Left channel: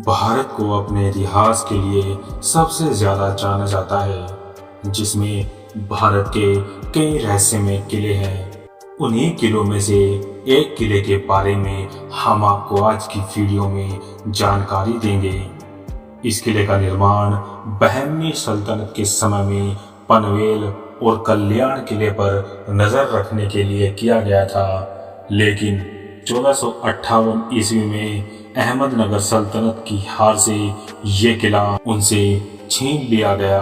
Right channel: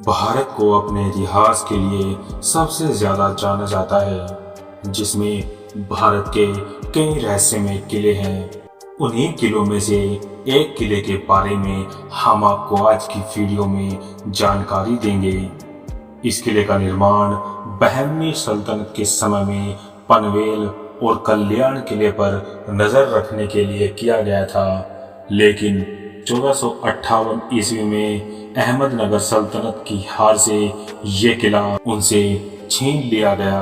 भारत को अपने इतिहास के लिए सबसे ज्यादा जाना जाता है, जिसमें भारत के कई रहस्यमय किले हैं। उन्हीं किलों में से एक किले के बारे में हम आपको आज की वीडियो में जानकारी देंगे। इस किले का निर्माण बहमनी सल्तनत के समय में पनवेल और कल्याण किले पर नजर रखने के लिए किया गया था, लेकिन 1458 ईस्वी में अहमदनगर सल्तनत की हार से ये किला उनसे छीन लिया गया।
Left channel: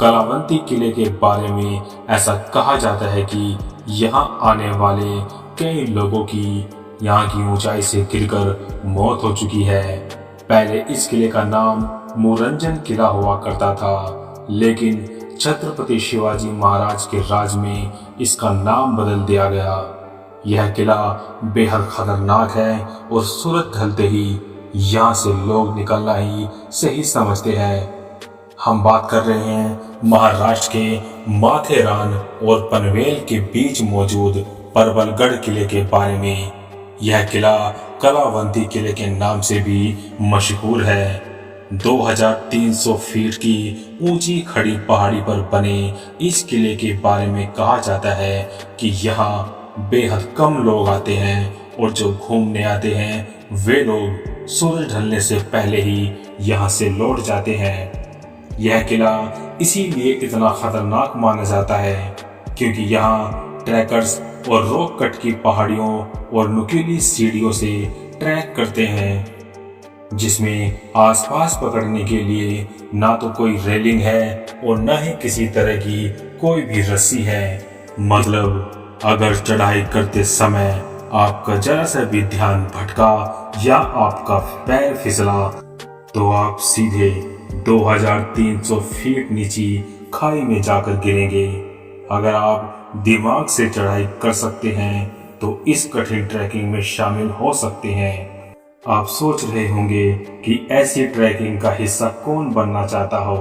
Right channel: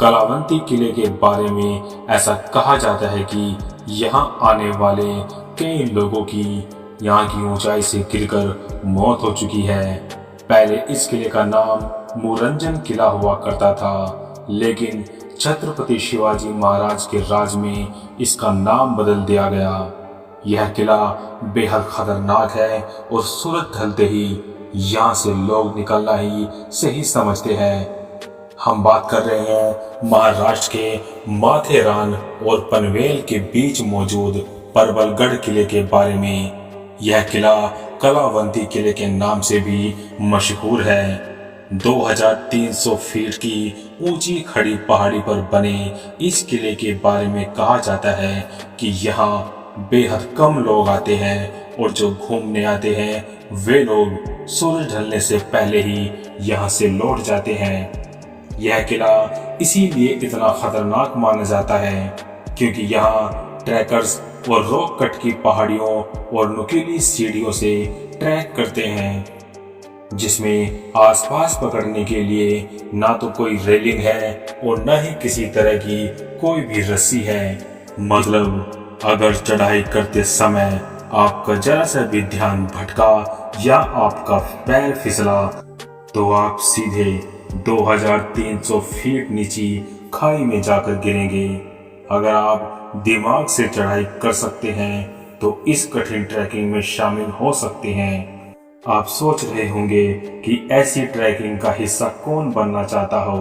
कलावंती किले के बारे में ऐसा कहा जाता है कि यहाँ आने वाले कई लोगों की यहाँ की ऊंचाई से गिरकर मौत हो चुकी है। पहले इस किले का नाम मुरंजन किला हुआ करता था, लेकिन छत्रपति शिवाजी महाराज के राज में इसका नाम बदल दिया गया। यह किला बेहद खतरनाक है और सूरज ढलते ही यहाँ से लोग निकलना ही सही समझते हैं। हम बात कर रहे हैं महाराष्ट्र के माथेरान और पनवेल के बीच मौजूद परबलगढ़ किले के बारे में। यह किला कलावंती किले के नाम से भी मशहूर है। 2300 फीट की ऊंची खड़ी पहाड़ी पर बने इस किले के बारे में कहा जाता है कि यहाँ बेहद कम लोग आते हैं और जो घूमने आते हैं वे लोग सूरज ढलने से पहले ही यहाँ से लौट जाते हैं। यह किला इसीलिए इतना खतरनाक माना जाता है क्योंकि यहाँ ट्रैकर्स और रॉक कट की पहाड़ियों और नुकीली सीढ़ियों से ट्रैक करते हैं, जिसमें आसपास पकड़ने के लिए ना तो कोई रेलिंग है और न ही किसी तरह की कोई भी रस्सी है। मतलब अगर चढ़ाई करते समय आपका जरा सा भी ध्यान भटका या आपका पैर फिसला तो आप सीधे 2300 फीट नीचे खाई में जाकर गिरेंगे। अगर आप दिमाग से चढ़ाई कर सकते हैं तो इस कठिन ट्रैकिंग में शामिल हो सकते हैं। आप सोच रहे होंगे कि ऐसी ट्रैकिंग का हिस्सा कौन बनना चाहता हो,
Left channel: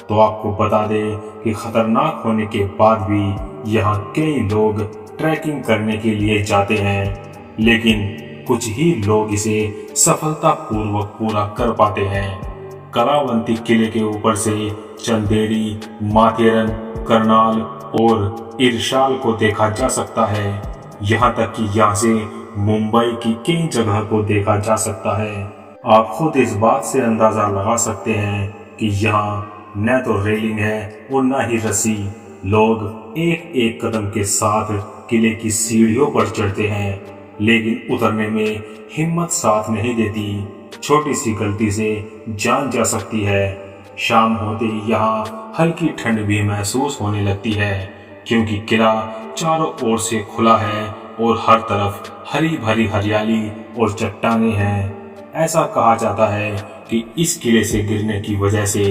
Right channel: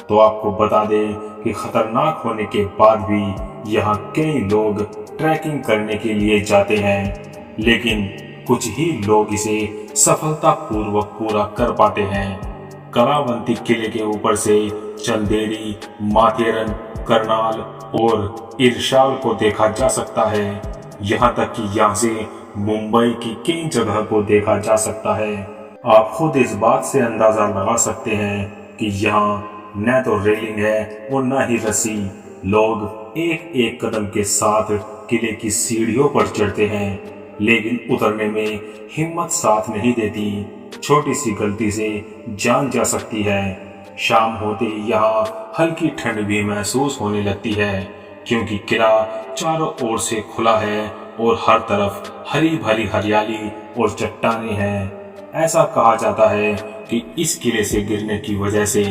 तो आपको बता दें कि खतरनाक होने के बाद भी यहाँ कई लोग ट्रैकिंग करने के लिए जाते हैं, लेकिन कुछ ही लोग इसे सफलतापूर्वक पूरा कर पाते हैं। कलावंती किले के ऊपर से चंदेरी, माथेरन, करनाल और इरशाल को देखा जा सकता है। यहाँ तक कि यहाँ से मुंबई की कई जगह को देखा जा सकता है। आप खुद इस बात से अंदाजा लगा सकते हैं कि यहाँ न तो रेलिंग है और न ही रस्सी। लोग एक एक कदम के साथ किले की सीढ़ियों पर चढ़ते हैं, लेकिन उतरने में हिम्मत साथ नहीं देती। छोटी सी गलती से जान जा सकती है। शाम होते ही यहाँ हल्की ठंड भी महसूस होने लगती है, क्योंकि किला चारों ओर से खुला है और हर तरफ हरी भरी हरियाली और चट्टानें हैं। ऐसा कहा जाता है कि इस किले से गिरने की वजह से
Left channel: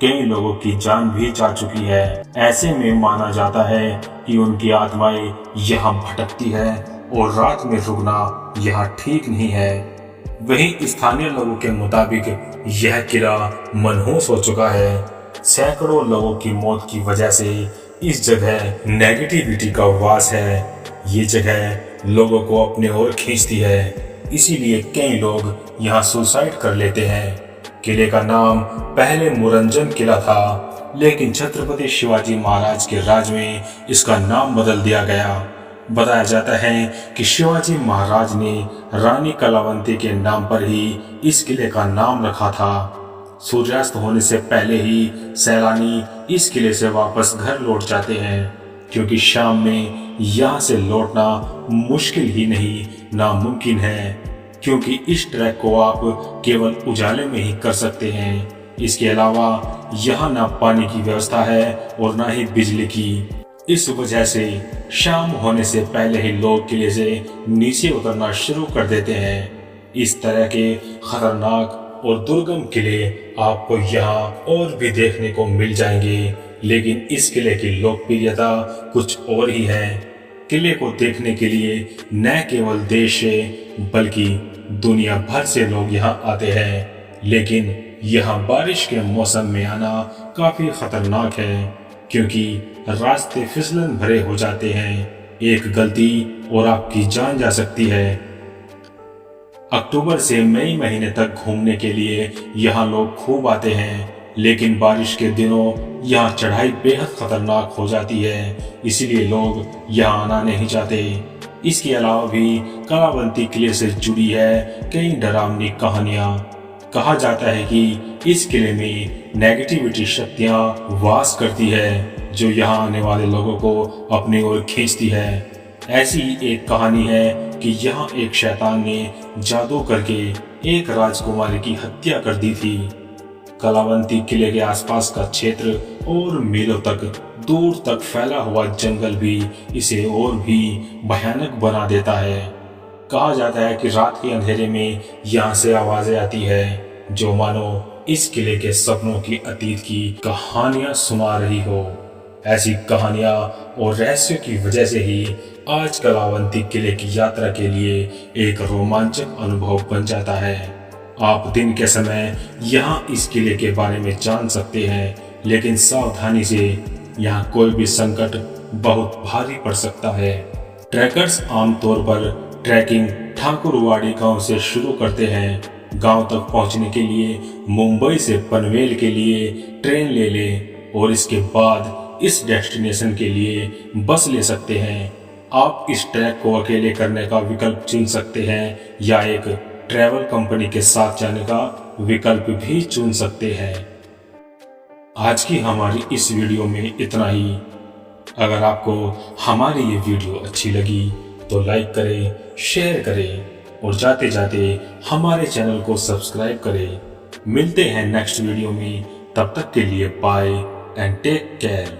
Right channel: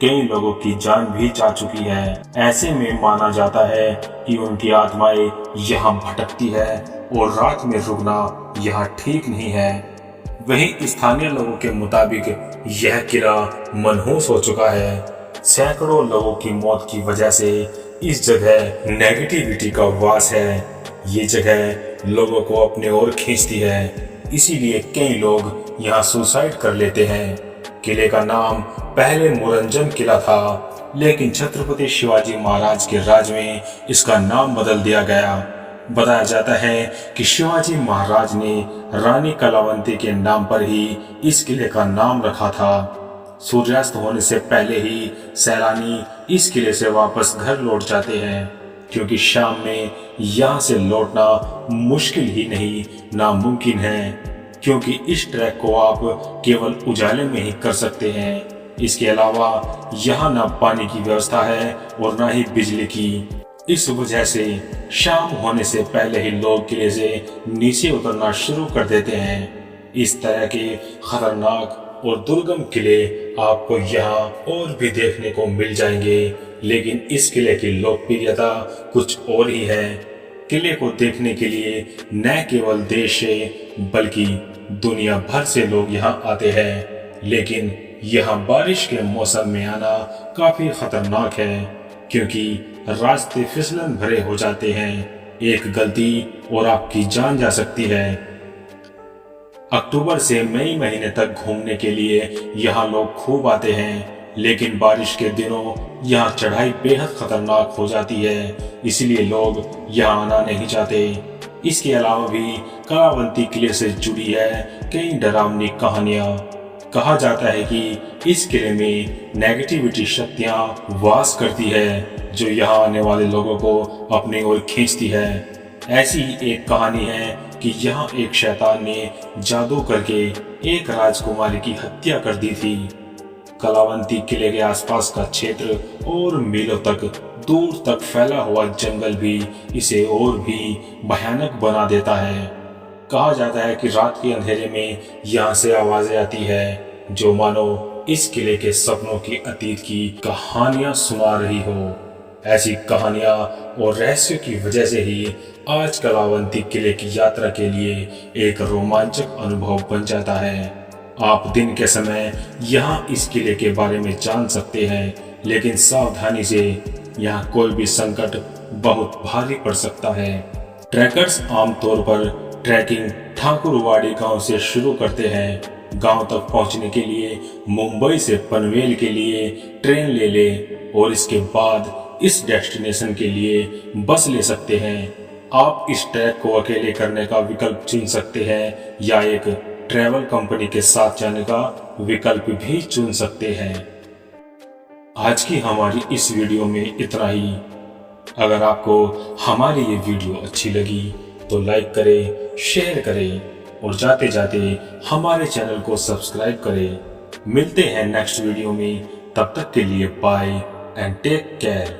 कई लोगों की जान भी जा चुकी है। ऐसे में माना जाता है कि उनकी आत्माएं यहाँ भटकती है और रात में रुकना यहाँ ठीक नहीं है। वहीं स्थानीय लोगों के मुताबिक यह किला मनहूस हो चुका है। सैकड़ों लोगों की मौत की वजह से इस जगह नेगेटिविटी का वास है। ये जगह लोगों को अपने ओर खींचती है, इसीलिए कई लोग यहाँ सुसाइड कर लेते हैं। किले का नाम पहले मुरंजन किला था, लेकिन छत्रपति शिवाजी महाराज के राज में इसका नाम बदल दिया गया। बताया जाता है कि शिवाजी महाराज ने रानी कलावंती के नाम पर ही इस किले का नाम रखा था। सूर्यास्त होने से पहले ही सैलानी इस किले से वापस घर लौट जाते हैं, क्योंकि शाम में यहाँ से लौटना मुश्किल ही नहीं नामुमकिन है, क्योंकि इस ट्रैक को आप केवल उजाले में ही कर सकते हैं। इसके अलावा यहाँ ना पानी की व्यवस्था है और ना ही बिजली की। इस वजह से शाम होने से पहले ही लोग किले से नीचे उतरना शुरू कर देते हैं। इस तरह के खतरनाक और दुर्गम किले आपको यहाँ और भी देखने को मिल जाएंगे, लेकिन इस किले की लोकप्रियता कुछ और ही है। किले को देखने के लिए न केवल देश से बल्कि दुनिया भर से लोग यहाँ आते हैं, लेकिन यहाँ बारिश के मौसम में आना काफी खतरनाक है, क्योंकि रास्ते फिसलन भरे हो जाते हैं। एक गलती और आपकी जान जा सकती है। अक्टूबर से मई महीने तक घूमने के लिए यहाँ लोग खूब आते हैं, लेकिन बारिश के दिनों यहाँ चढ़ाई बेहद खतरनाक हो जाती है, इसलिए लोग यहाँ आना नहीं चाहते। इसके अलावा भी कलावंती किले से जुड़ी है कई डरावनी कहानियां। कहा जाता है कि इस किले में नेगेटिविटी शक्तियां वास करती है, जो यहाँ आने वाले लोगों को अपनी ओर खींचती है। ऐसी एक कहानी है कि यहाँ एक शैतान ने जादू करके एक राजकुमारी की हत्या कर दी थी। कलावंती किले के आसपास का क्षेत्र और मीलों तक दूर तक फैला हुआ जंगल भी इसे और भी भयानक बना देता है। कहा जाता है कि रात के अंधेरे में यहाँ से आवाजें आती है, जो मानो इस किले के सपनों की अतीत की कहानियां सुना रही हो। ऐसी कहानियां और रहस्यों की वजह से ही आज कलावंती किले की यात्रा के लिए एक रोमांचक अनुभव बन जाता है। आप दिन के समय यहाँ इस किले के बारे में जान सकते हैं, लेकिन सावधानी से, यहाँ कोई भी संकट बहुत भारी पड़ सकता है। ट्रैकर्स आमतौर पर ट्रैकिंग ठाकुरवाड़ी गांव से शुरू करते हैं। गांव तक पहुंचने के लिए मुंबई से पनवेल के लिए ट्रेन ले लें और इसके बाद इस डेस्टिनेशन के लिए बस ले सकते हैं। आप इस ट्रैक को अकेले करने का विकल्प चुन सकते हैं या एक ट्रैवल कंपनी के साथ जाने का विकल्प भी चुन सकते हैं। आज की हमारी इस वीडियो में इतना ही। अगर आपको हमारी ये वीडियो अच्छी लगी तो लाइक करें, शेयर करें और जाते जाते हमारे चैनल को सब्सक्राइब करें। मिलते हैं नेक्स्ट वीडियो में, तब तक के लिए बाय एंड टेक केयर।